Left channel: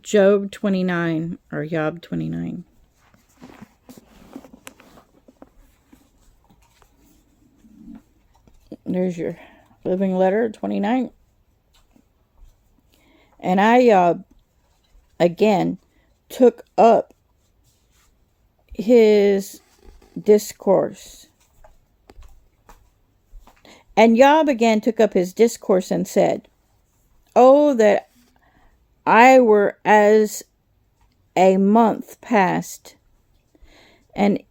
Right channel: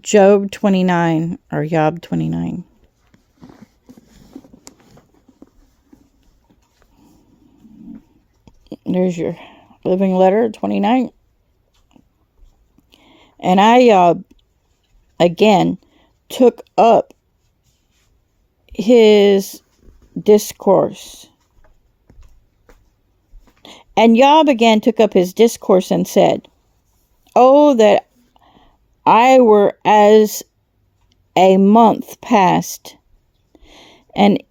Job 29 or Iyob 29. There's your living letter 29. And I again took up his discourse. And Iyob again took up his discourse and said, "Oh, that I were as a month past, and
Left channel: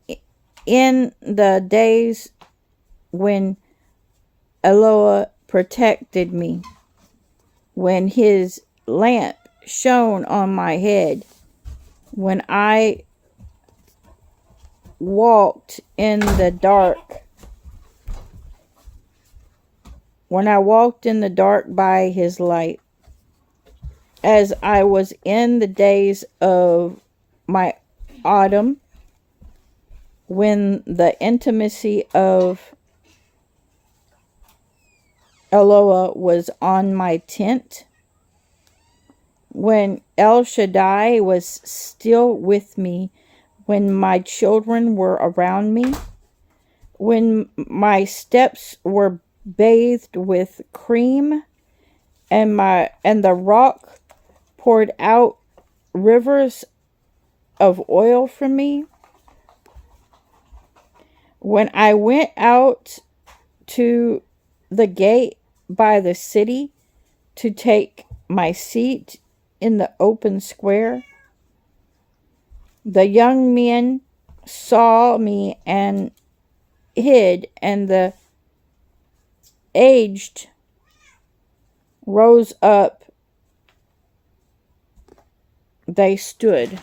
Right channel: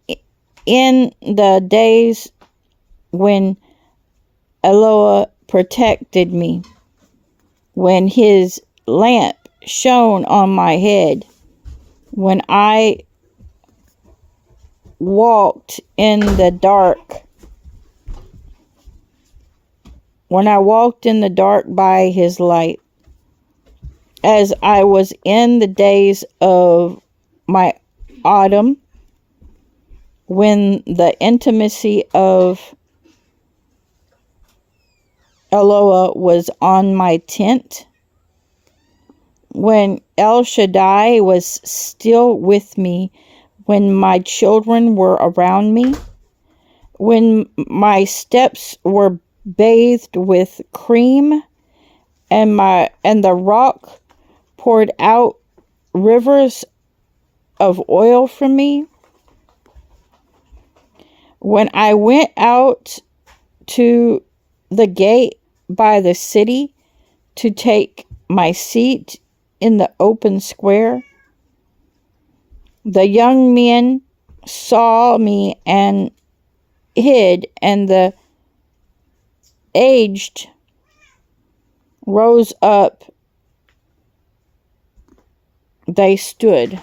in the days when Eloah protected me, when his lamp shone on my head, when I walked in the dark, by his light, as I was in the days of my autumn, when the intimacy of Eloah was on my tent, when El Shaddai was still with me, when my children were around me, when my steps were bathed with cream, and the rock poured out rivers of oil from me, when I went out to the gate by the city to take my seat in the open square, the young men saw me and hid, and the aged rose up, they stood."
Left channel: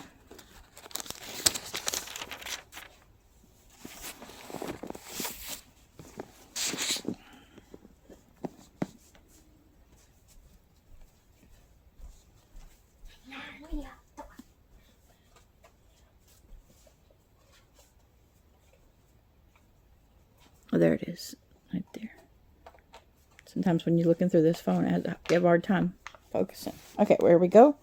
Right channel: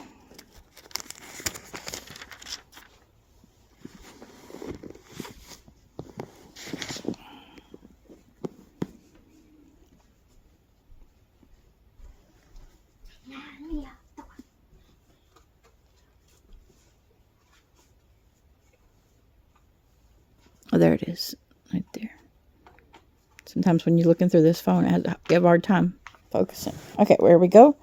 Oh, there it is, right there. Sometimes when you're looking through this phone, you have a hard time focusing. Okay, where we go.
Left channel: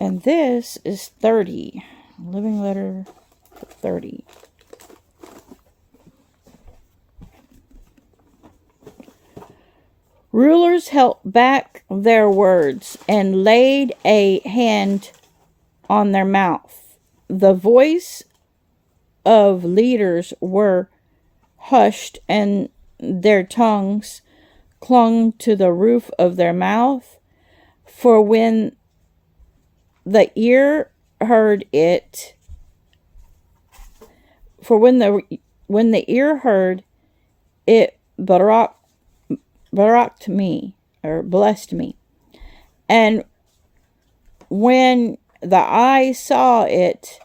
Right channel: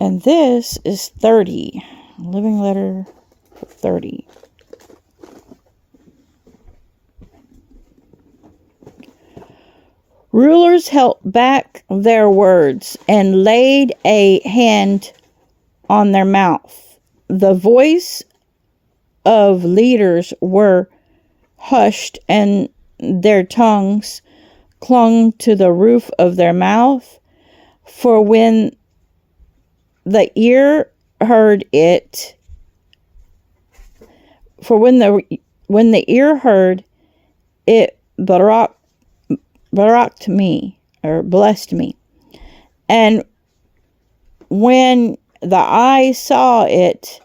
And this is 30. Living letter 30. Rulers held back their words and laid a hand on their mouth. The voice of leaders were hushed, and their tongues clung to the roof of their mouth. For when the ear heard it, when the ear heard it, baraked me, or blessed me, and when the eye saw it,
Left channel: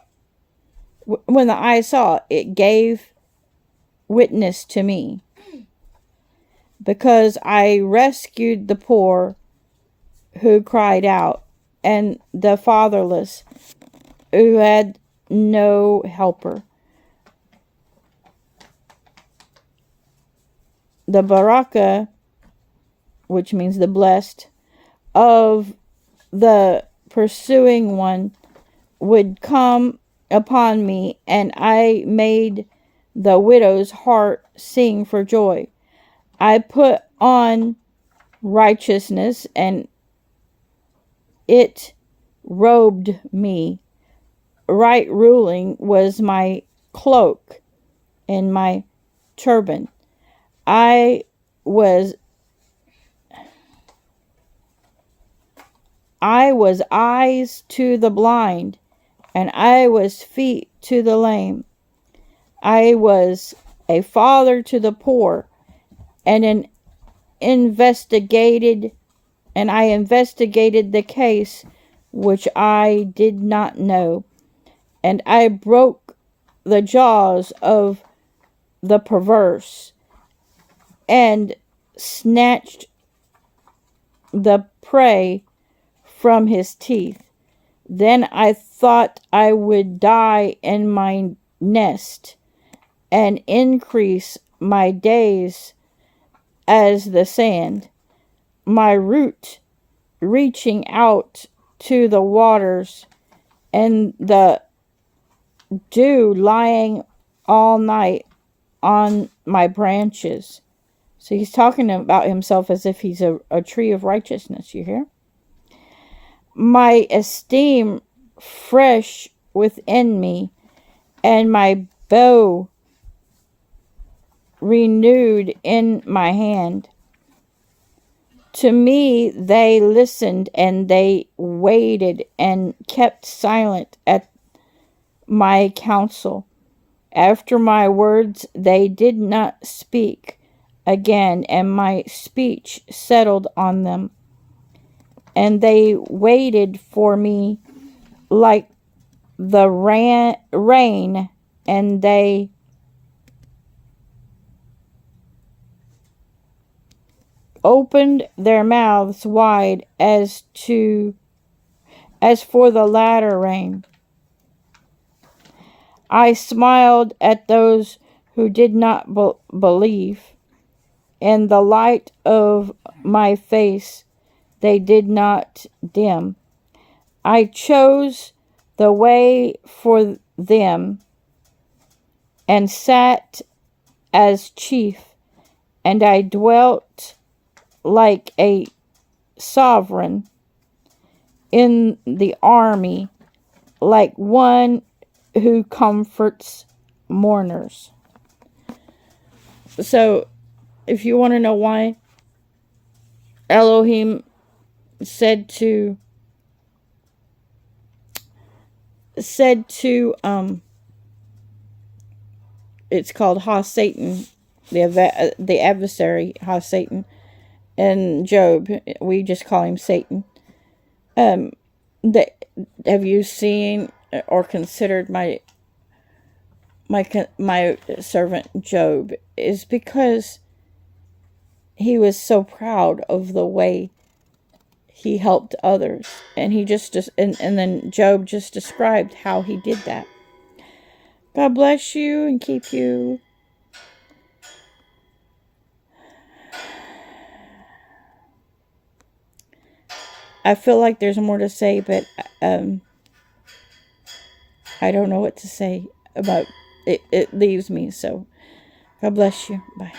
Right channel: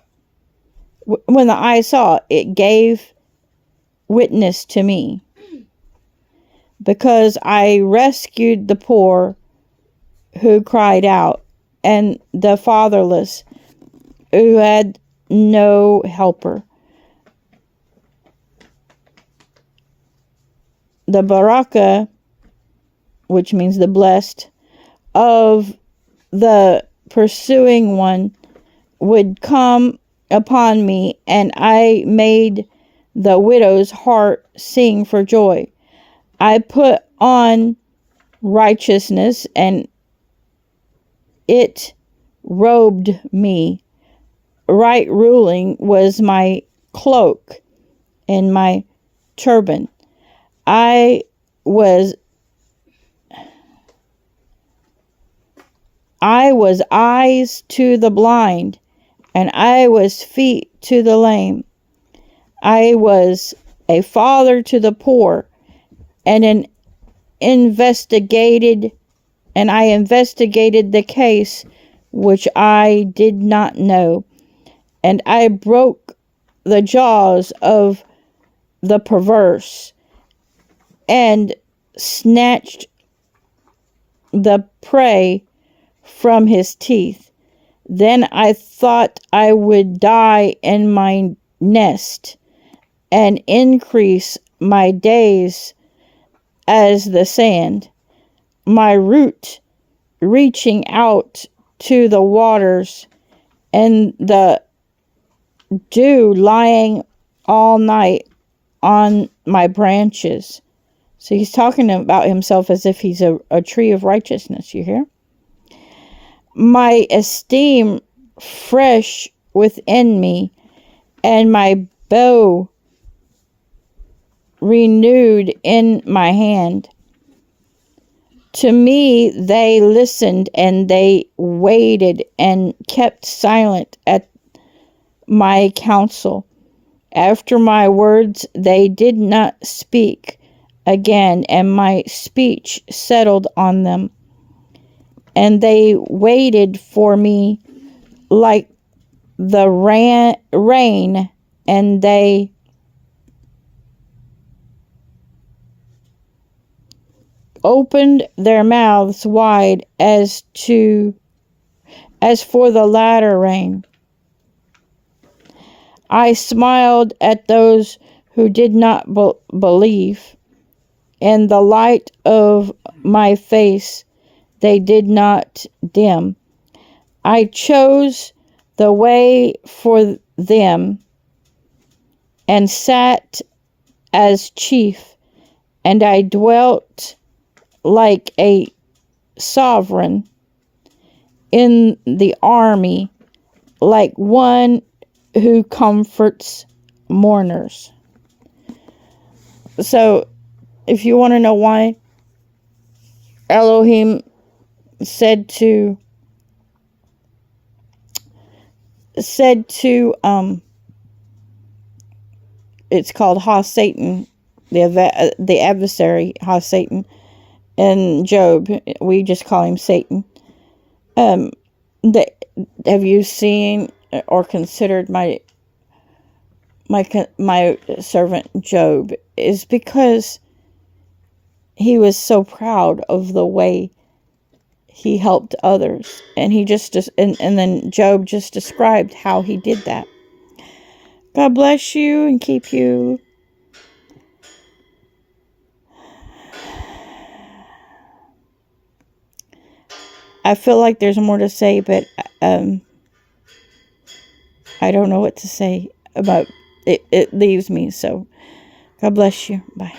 it gave witness to me, because I rescued the poor who cried out, and the fatherless who had no helper. The baraka, which means the blessed, of the pursuing one would come upon me, and I made the widow's heart sing for joy. I put on righteousness, and it robed me. Right ruling was my cloak and my turban. I was eyes to the blind, and I was feet to the lame. I was a father to the poor, and I investigated the case which I did not know, and I broke the jaws of the perverse, and snatched the prey from his teeth. Then I thought I would die in my nest, and increase my days as the sand, my root reaching out to the waters, and the dew lying all night on my branches. So he's talking about himself as if he's a tree of righteousness, you hear? My esteem fresh within me, and my bow renewed in my hand. To me they listened, and they waited and kept silent at my counsel. After my words they did not speak again, and my speech settled on them. And they waited for me like the rain, and they opened their mouths wide as for the latter rain. I smiled at those who did not believe, and the light of my face they did not dim. I chose the way for them, and sat as chief, and I dwelt like a sovereign in the army, like one who comforts mourners. So, if you want to know why Elohim said to it's called Ha-Satan, the adversary, Ha-Satan, and Job, we just call him Satan. Have you seen or considered my servant Job? Is because he was so proud of the way he helped others, and and then Job just described how he did that. God bless you and keep you. I feel like there's more to say, but I don't know what to say about it. It leaves me. So God bless you. Bye.